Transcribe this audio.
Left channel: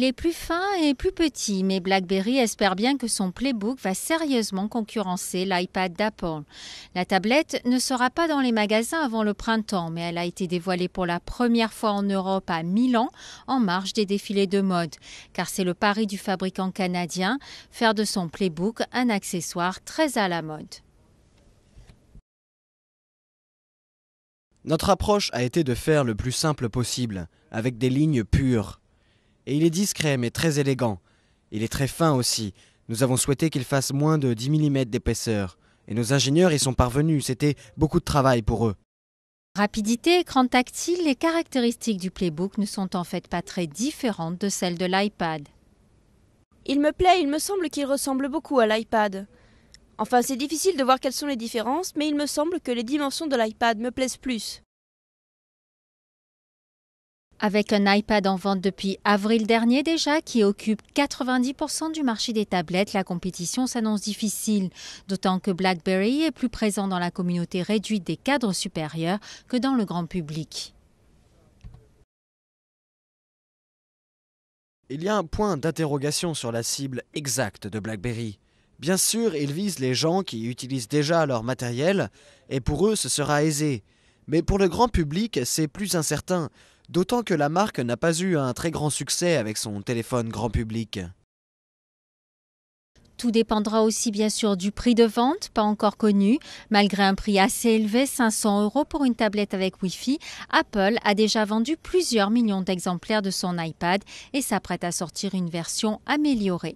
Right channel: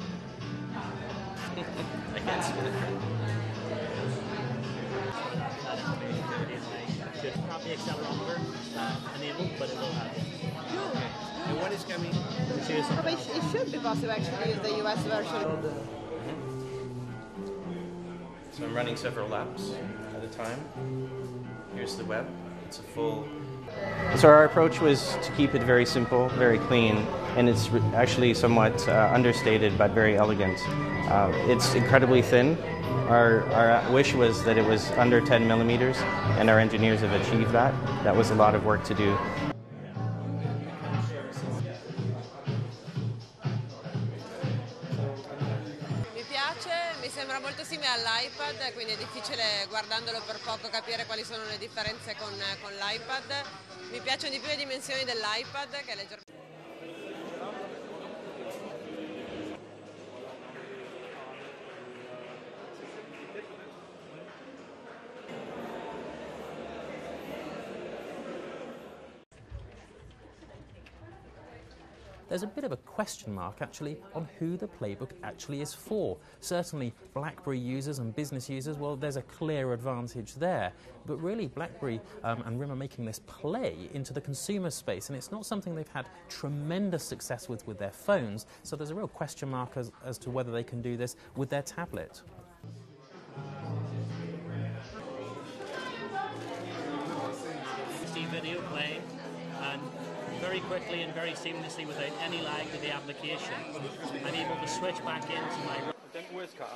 Il est plus fin et plus petit, mais BlackBerry espère bien que son Playbook va sérieusement concurrencer l'iPad d'Apple. La tablette ne sera pas dans les magasins avant le printemps, mais elle a été dévoilée pour la première fois en Europe à Milan, en marge des défilés de mode. Car c'est le pari du fabricant canadien, faire de son Playbook un accessoire très à la mode. Notre approche a été de faire le plus simple possible, avec des lignes pures. Il est discret mais très élégant. Il est très fin aussi. Nous avons souhaité qu'il fasse moins de 10 mm d'épaisseur. Nos ingénieurs y sont parvenus, c'était beaucoup de travail pour eux. Rapidité, écran tactile, les caractéristiques du Playbook ne sont en fait pas très différentes de celles de l'iPad. Il me plaît, il me semble qu'il ressemble beaucoup à l'iPad. Enfin, c'est difficile de voir quelles sont les différences, mais il me semble que les dimensions de l'iPad me plaisent plus. Avec un iPad en vente depuis avril dernier déjà, qui occupe 90% du marché des tablettes, la compétition s'annonce difficile, d'autant que BlackBerry est plus présent dans la communauté réduite des cadres supérieurs que dans le grand public. Il y a un point d'interrogation sur la cible exacte de BlackBerry. Bien sûr, il vise les gens qui utilisent déjà leur matériel, et pour eux, ce sera aisé. Mais pour le grand public, c'est plus incertain, d'autant que la marque n'a pas eu un très grand succès avec son téléphone grand public. Tout dépendra aussi bien sûr du prix de vente, pas encore connu. Malgré un prix assez élevé, 500 € pour une tablette avec Wi-Fi, Apple a déjà vendu plusieurs millions d'exemplaires de son iPad et s'apprête à sortir une version améliorée.